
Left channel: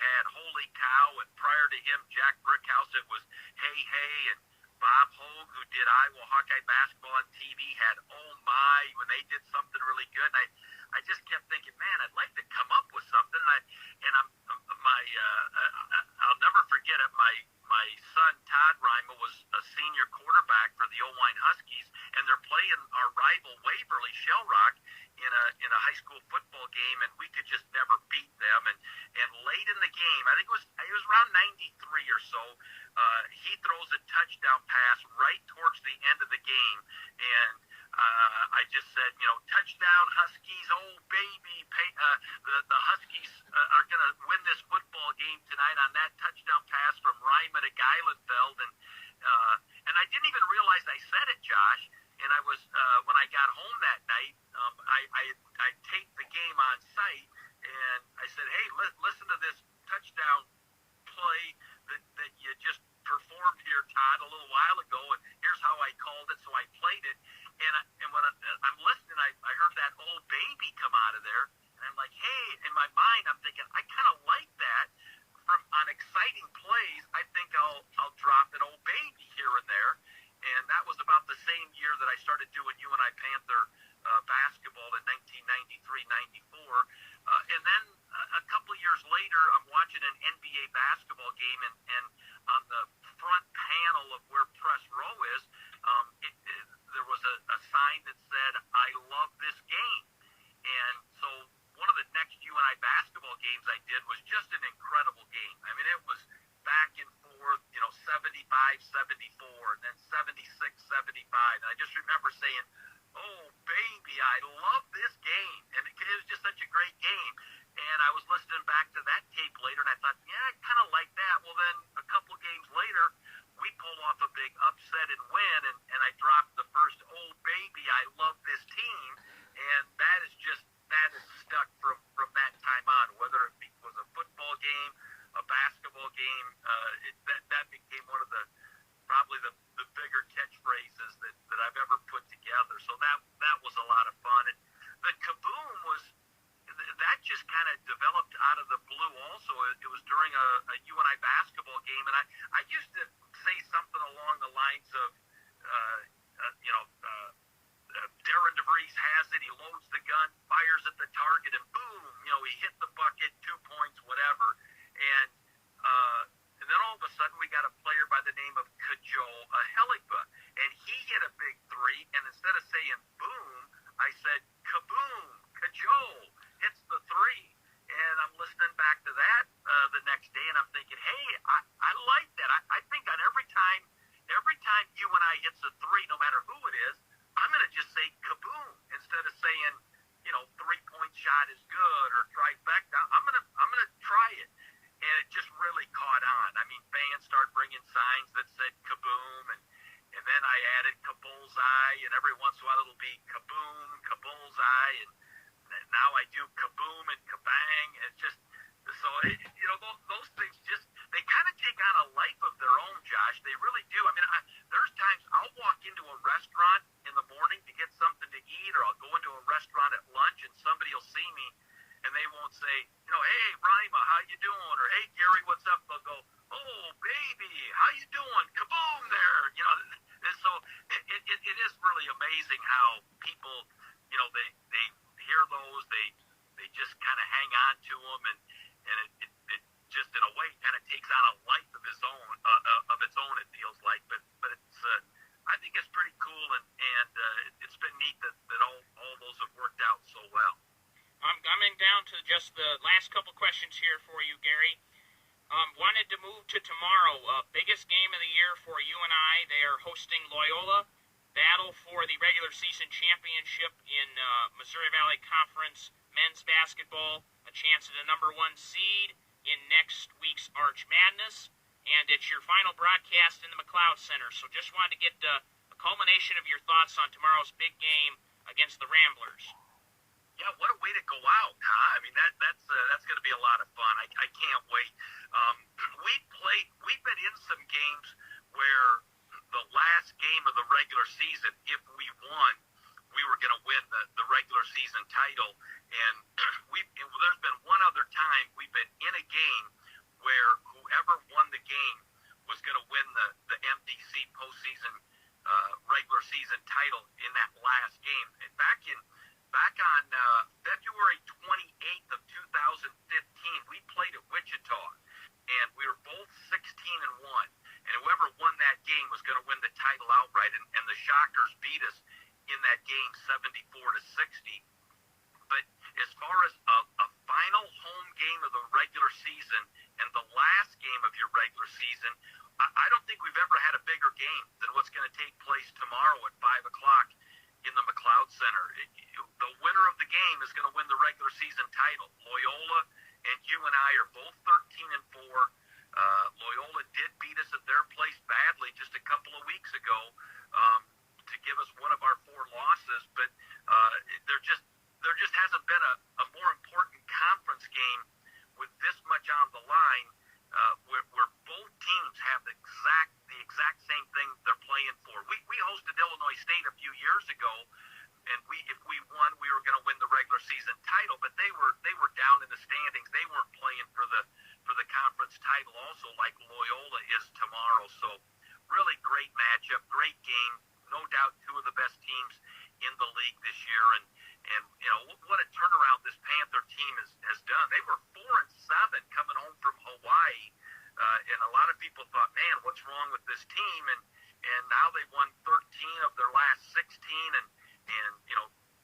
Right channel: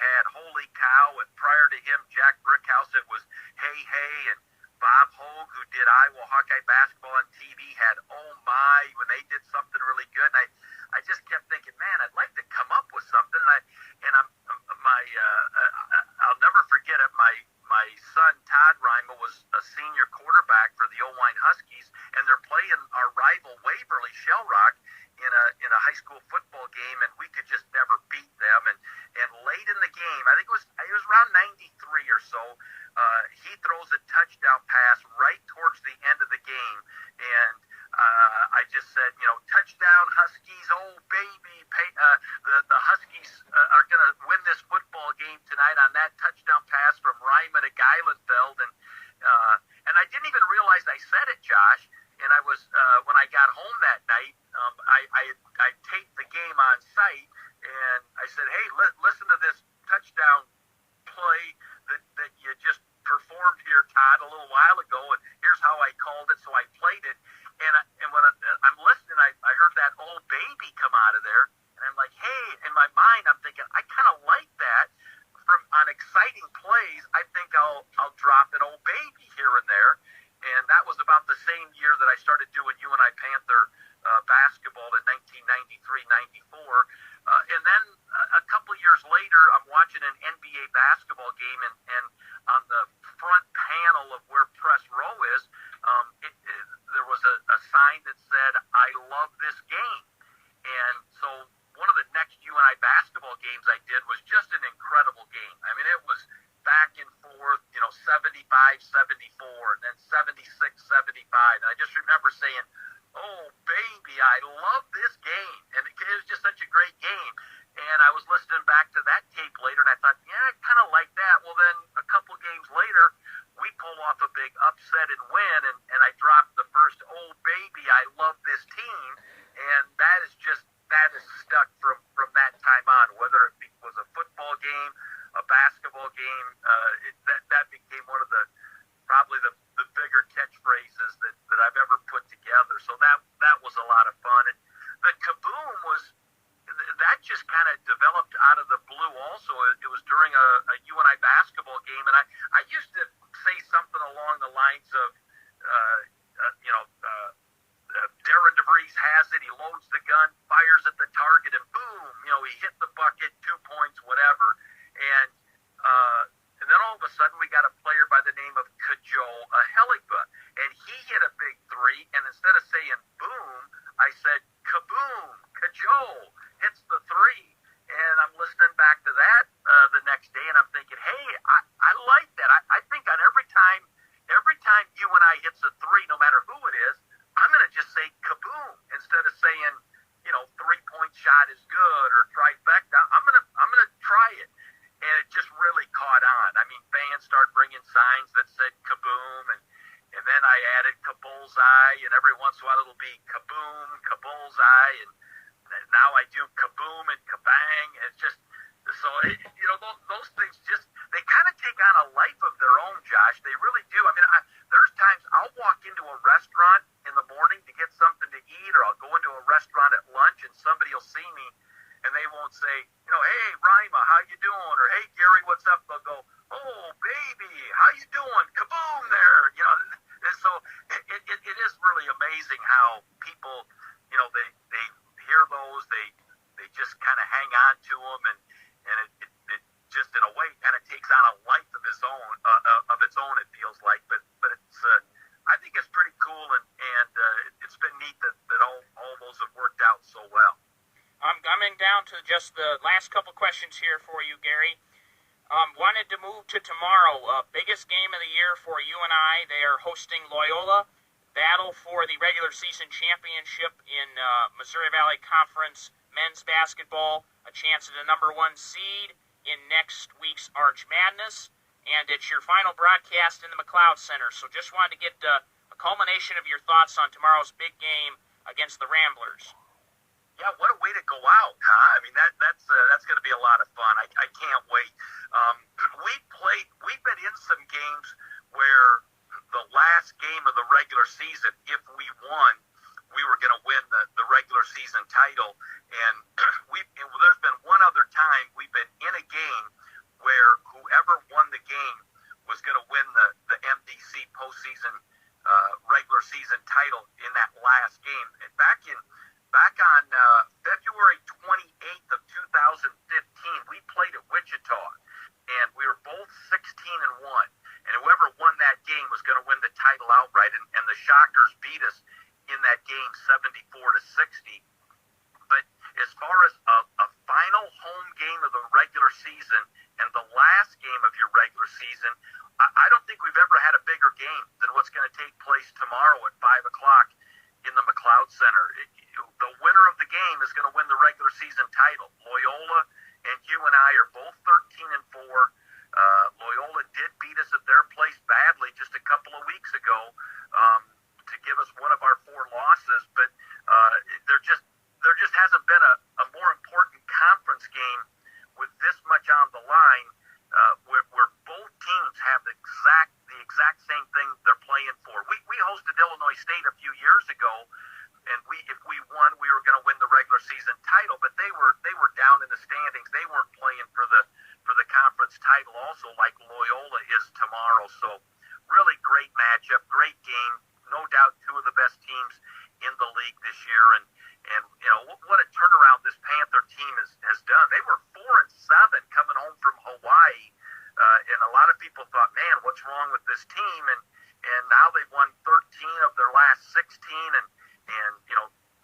Cow, and prior to him, Jack Brickhouse, it was Hey Hey, and Bob Hogue, who did Iowa Hawkeye basketball on TV, had Oh My when they did something really good. And I just kept thinking, man, I'd like to come up with something. I'll never forget it. My son Todd Rima was a senior quarterback for the Owine Huskies, and they're playing our rival Waverly Shell Rock in a high school football game, and we could just never beat them. And late in the game, I think it was around 93 or so, he throws a touchdown pass right towards the end of the game, and I just said, touchdown Huskies, oh baby, the Huskies are going to win this football game tonight on that touchdown pass from Ryman to Geilenfeld, and I didn't even realize I said it, Josh. And I was when I got home that night, I taped the game on site, and I said, hey, listen to this touchdown play that you just performed here, Todd, a little while ago, and here's how I called it. So I played it, and when I'm listening, I heard that old baby come out of there, and I'm like, hey, in my mind, I'm thinking, I kind of like that. On exciting plays, I think I'll drop an old baby here and there, and that was about the same year that I started doing UNI Panther basketball in 1993-94, and then a couple years later, I'm watching an NBA basketball game, and on the front panel of where press row is, there was a sign that said, I love this game. And so one of the next UNI basketball games I did was just an incredible game. I mean, it was back and forth, 75-74, and then 76-75. And I just remember saying, oh, baby, I love this game. And it was just such a great game. And I was listening back to that tape later, and I thought, yeah, I kind of like that. Well, then a couple games later, we pull off a big upset and win, and I dropped the first, oh, baby, I love this team. And that is stuck from that time on, whether it was a football game, a basketball game, that became one of probably the bigger catchphrases that I've ever put together. So that was a lot of fun. And the kaboom that just kind of developed out of the blue also. It was during a UNI basketball game, and I used to say something along the lines of, Darren DeVries has it, he loads the gun, fires at the target, and boom, he hit the bucket, 2 points, whatever. And then all of a sudden we got a player by the name of Kajol Heligba, and he hit a big three, and instead of saying boom, I said kaboom, Kajol hits the three. And I'm listening back to that the next day, and I'm thinking, hey, I like that. I think on every time UNI hits a three, no matter who it is, I'm going to just say kaboom instead of saying, 3-point shot is good or trifecta. I'm going to try it. And it just really caught on. I mean, fans started bringing signs that said kaboom, and then I added kabullseye, and every once in a while it'll be kaboom, kabullseye, and now I do kaboom and kabang. It's just, so, those things just, they kind of take on a life of their own, Josh. They really do. I mean, there's times I'll walk into a restaurant in the morning to get something to eat, or I'll go into a restaurant at lunch, and somebody will see me, and they won't say, hey, Rima, how you doing? Or, hey, Gary, what's up? They'll go, oh, baby, how you doing? Kaboom there. And so it is really amazing how people, they hear those, they just kind of hang on to them, and it just in a way kind of takes on a life of its own, it feels like. But it's I think it's pretty cool, and it's been neat that all those have worked out so well. I'm coming down to just the last couple questions here for you, Gary. Wanted to move to tomorrow. Biggest game of the year for UNI. They are hosting Loyola. Battle for the regular season championship in Missouri Valley Conference men's basketball. A chance at a number 1 seed in next week's Arch Madness. And it's your final broadcast in the McLeod Center. So just wanted to get a culmination of your thoughts on tomorrow's big game against the Ramblers. Yeah, what a way to go out, huh? I mean, that's going to be a lot of fun. I can't wait. We've been in some games where the last game of the regular season, if we won, we were going to win the regular season title. And there's been one other time we've been in a game where regular season title in that last game. And back on February 28th of 2015, we played at Wichita, and we were both 16-1. And whoever won that game was going to win the title outright. And the Shockers beat us in that game 74-60. But as far as a final home game of the regular season and the last game of your regular season, I don't think we've ever had a bigger game than what's going to take place tomorrow at 5 o'clock in the McLeod Center. The winner of the game is going to win the regular season title. Loyola and UNI are both 13-4. Loyola did beat us at their place badly just a couple of weeks ago to give us one of our 4 losses, but there just hasn't been a more important conference game with this much on the line, where both teams have the exact same thing they're playing for. We hosted Illinois State a few years ago, and if we won, we were going to win the regular season title, but they were down in the standings. They weren't playing for the conference title also, like Loyola is tomorrow. So really great matchup, great game. No doubt 2 of the best teams in the league this year, and what a turnaround this Panther team has done. They were 4-7 coming home from Hawaii, and a lot of people thought, man, what's wrong with this team? And now they've won 13 of their last 16, and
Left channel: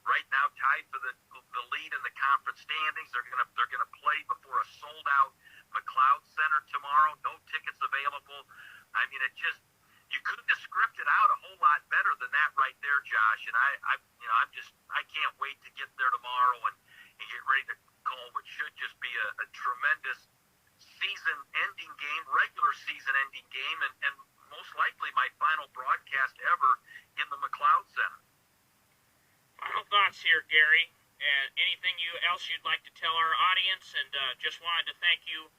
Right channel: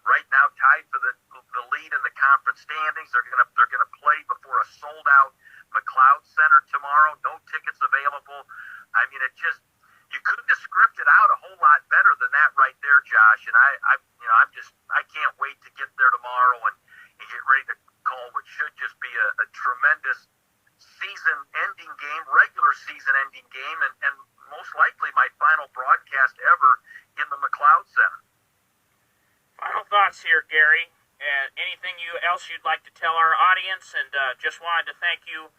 right now tied for the lead in the conference standings. They're gonna play before a sold out McLeod Center tomorrow. No tickets available. I mean, you couldn't have scripted out a whole lot better than that right there, Josh. And I can't wait to get there tomorrow and get ready to call what should just be a tremendous season-ending game, regular season-ending game, and most likely my final broadcast ever in the McLeod Center. Final thoughts here, Gary. Anything else you'd like to tell our audience? And just wanted to thank you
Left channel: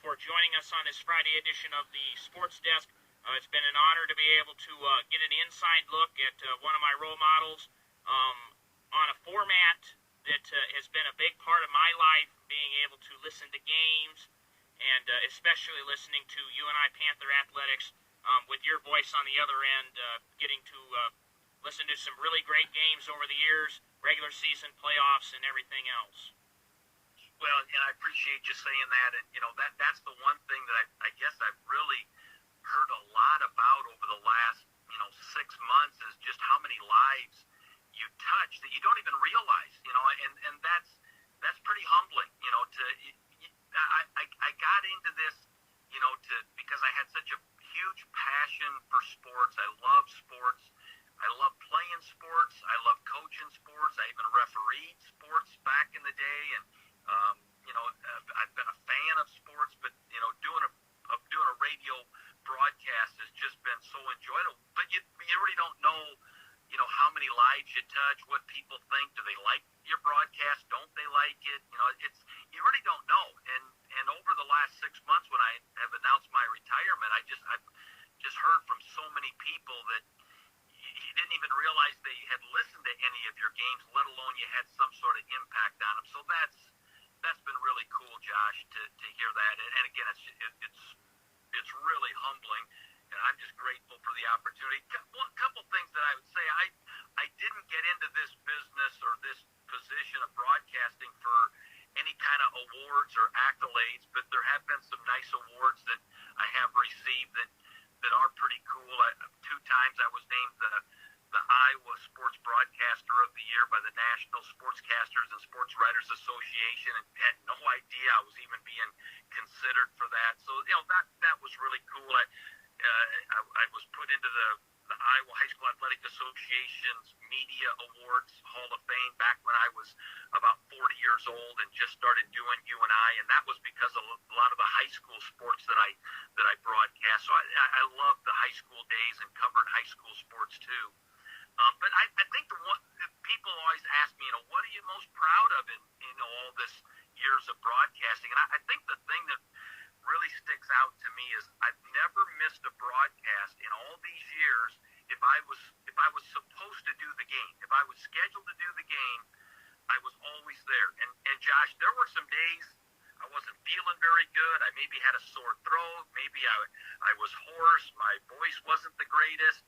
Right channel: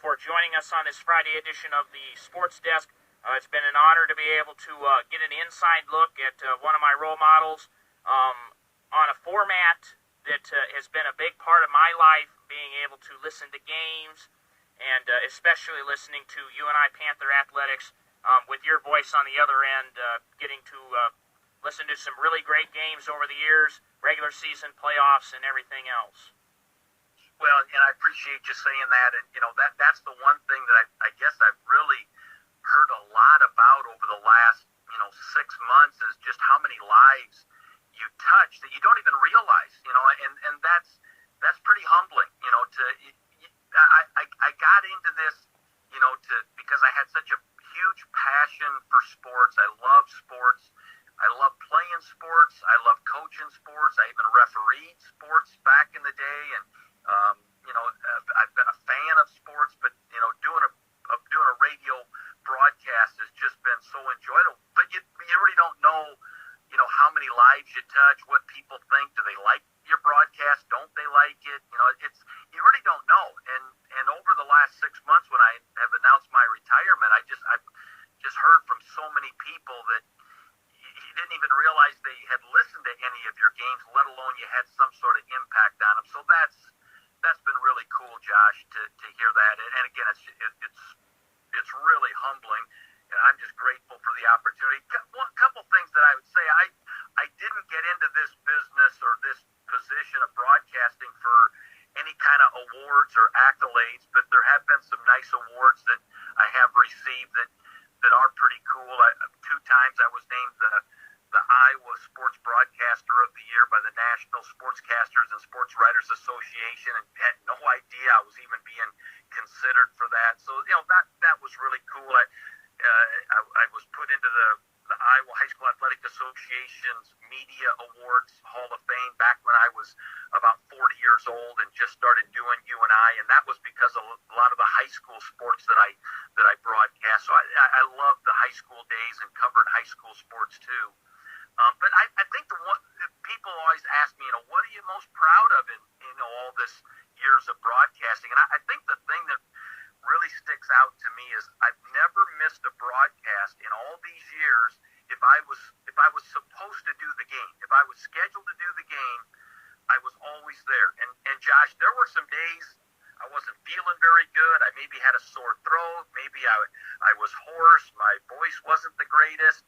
for joining us on this Friday edition of the Sports Desk. It's been an honor to be able to get an inside look at one of my role models on a format that has been a big part of my life, being able to listen to games and especially listening to UNI Panther Athletics with your voice on the other end, getting to listen to some really great games over the years, regular season, playoffs, and everything else. Well, and I appreciate you saying that, and that's the one thing that I guess I've really heard a lot about over the last 6 months is just how many lives you touch that you don't even realize, and that's pretty humbling, I got into this, because I had such a huge passion for sports. I love sports. I love playing sports. I love coaching sports. I even refereed sports back in the day, and I've been a fan of sports. But doing a radio broadcast has just been so enjoyable. But you really don't know, how many lives you touch, what people think. Do they like your broadcast? Don't they like it? You really don't know. And over the last 6 months, when I have announced my retirement, I've just heard from so many people that you didn't even realize they had listened to any of your games, let alone you had some sort of impact on them. So that's been really cool, Josh, to hear that. And again, it's really humbling, and I'm just grateful for the opportunity. A couple things that I would say. I didn't get into this business or this position of broadcasting for any kind of awards or accolades, but there have been some nice awards that I have received that are pretty cool. 2 times I was named the Iowa Sports Broadcaster of the Year by the National Sportscasters and Sports Writers Association, and had no idea I was even being considered for that. So that was really cool. I was put into the Iowa High School Athletic Association's Media Awards Hall of Fame back when I was about 40 years old and just started doing UNI, and that was because of a lot of the high school sports that I broadcast. So I love the high school days and covered high school sports too. But I think people always ask me, what are you most proud of in all this years of broadcasting? And I think the thing that really sticks out to me is I've never missed a broadcast in all these years. If I was supposed to do the game, if I was scheduled to do the game, I was always there. And Josh, there were some days I wasn't feeling very good. I maybe had a sore throat. throw. Maybe I was hoarse. My voice wasn't the greatest.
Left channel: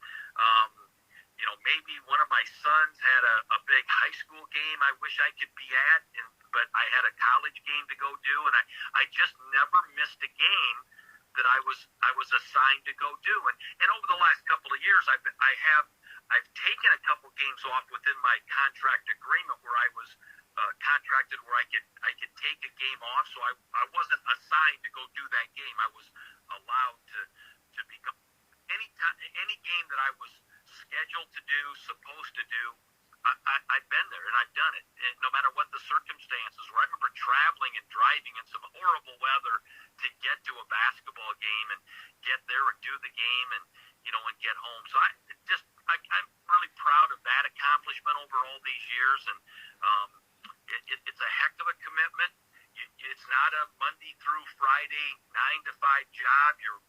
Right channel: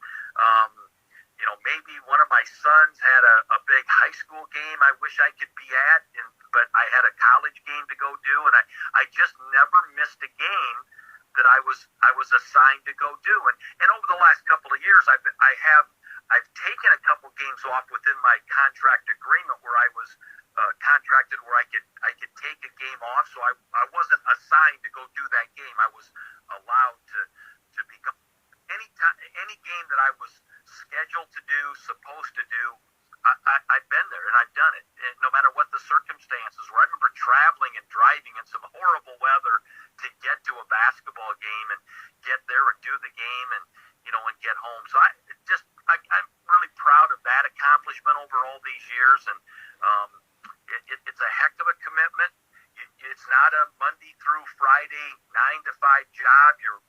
Maybe one of my sons had a big high school game I wish I could be at, but I had a college game to go do, and I just never missed a game that I was assigned to go do. And over the last couple of years, I've taken a couple games off within my contract agreement where I was contracted where I could take a game off, so I wasn't assigned to go do that game. I was allowed to be any game that I was scheduled to do, supposed to do. I've been there and I've done it, and no matter what the circumstances were. I remember traveling and driving in some horrible weather to get to a basketball game and get there and do the game and get home. So I'm really proud of that accomplishment over all these years, and it's a heck of a commitment. It's not a Monday through Friday 9 to 5 job. You're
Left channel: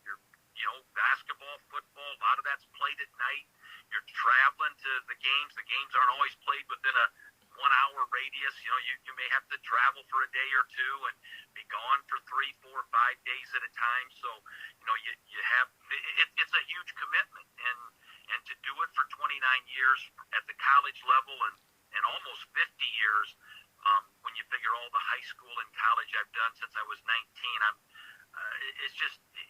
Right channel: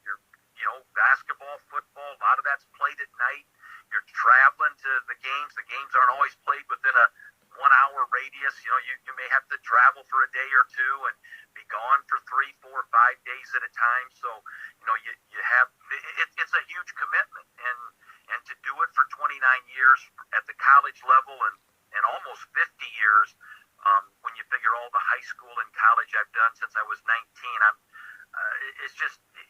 basketball, football, a lot of that's played at night. You're traveling to the games. The games aren't always played within a 1 hour radius. You may have to travel for a day or two and be gone for 3, 4, 5 days at a time. So, you have, it's a huge commitment, and to do it for 29 years at the college level and almost 50 years, when you figure all the high school and college I've done since I was 19,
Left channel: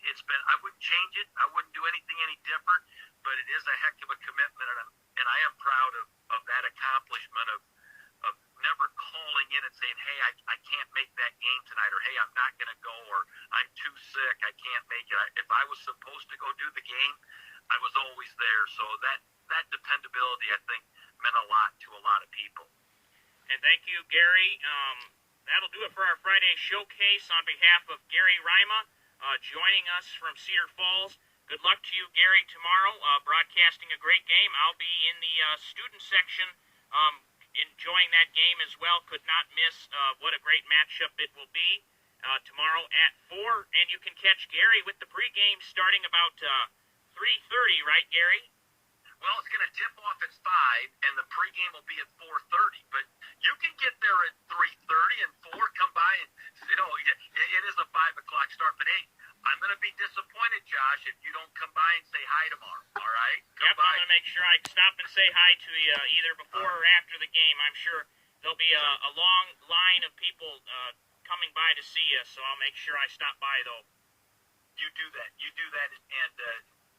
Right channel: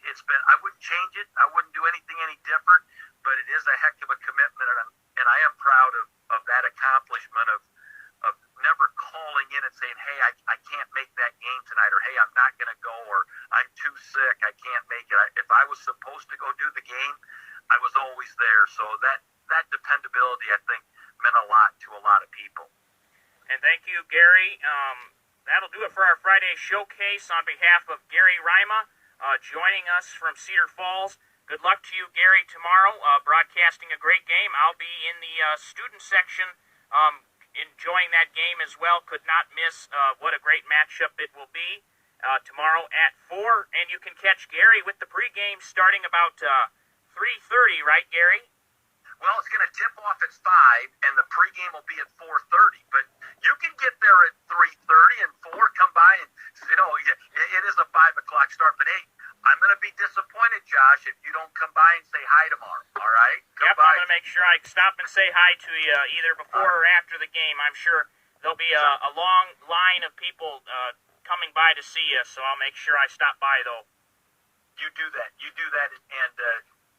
it's been, I wouldn't change it. I wouldn't do anything any different, but it is a heck of a commitment, and I am proud of that accomplishment of never calling in and saying, hey, I can't make that game tonight, or hey, I'm not going to go, or I'm too sick, I can't make it. If I was supposed to go do the game, I was always there. So that dependability, I think, meant a lot to a lot of people. And thank you, Gary. That'll do it for our Friday showcase on behalf of Gary Rima, joining us from Cedar Falls. Good luck to you, Gary, tomorrow, broadcasting a great game. I'll be in the student section enjoying that game as well. Could not miss what a great matchup it will be tomorrow at 4. And you can catch Gary with the pregame starting about 3:30, right, Gary? Well, it's going to tip off at 5, and the pregame will be at 4:30. But you can get there at 3:30 and 4. Come by, and it is a 5 o'clock start. But hey, I'm going to be disappointed, Josh, if you don't come by and say hi tomorrow. All right? Yep, I'm going to make sure I stop and say hi to you either before or after the game. I'm sure there'll be a long line of people coming by to see you, so I'll make sure I stop by, though. You do that. And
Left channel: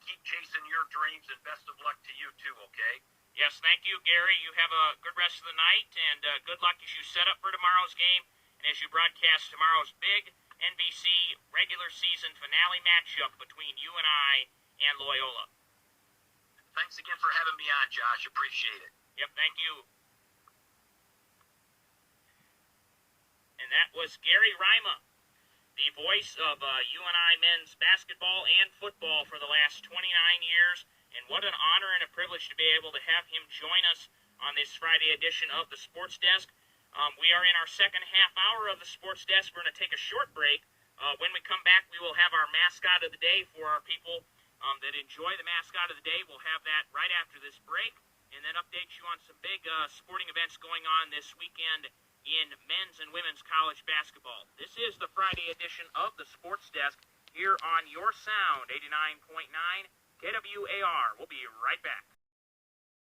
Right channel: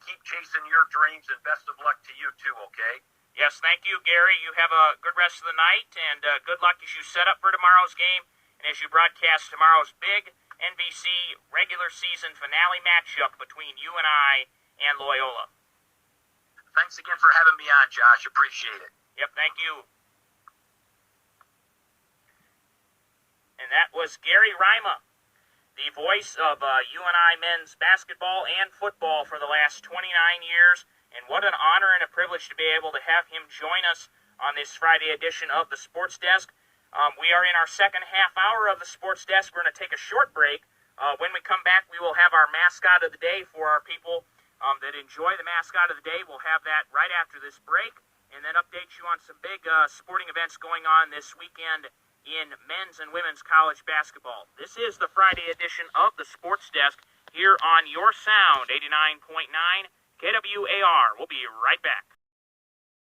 keep chasing your dreams, and best of luck to you, too, okay? Yes, thank you, Gary. You have a good rest of the night, and good luck as you set up for tomorrow's game and as you broadcast tomorrow's big NBC regular season finale matchup between UNI and Loyola. Thanks again for having me on, Josh. Appreciate it. Yep, thank you. And that was Gary Rima, the voice of UNI men's basketball and football for the last 29 years. And what an honor and a privilege to be able to have him join us on this Friday edition of the Sports Desk. We are in our second half hour of the Sports Desk. We're going to take a short break. When we come back, we will have our mascot of the day for our people that enjoy the mascot of the day. We'll have that right after this break, and then update you on some big sporting events going on this weekend in men's and women's college basketball. This is the Friday edition of the Sports Desk here on your sound, 89.9 KWAR. We'll be right back.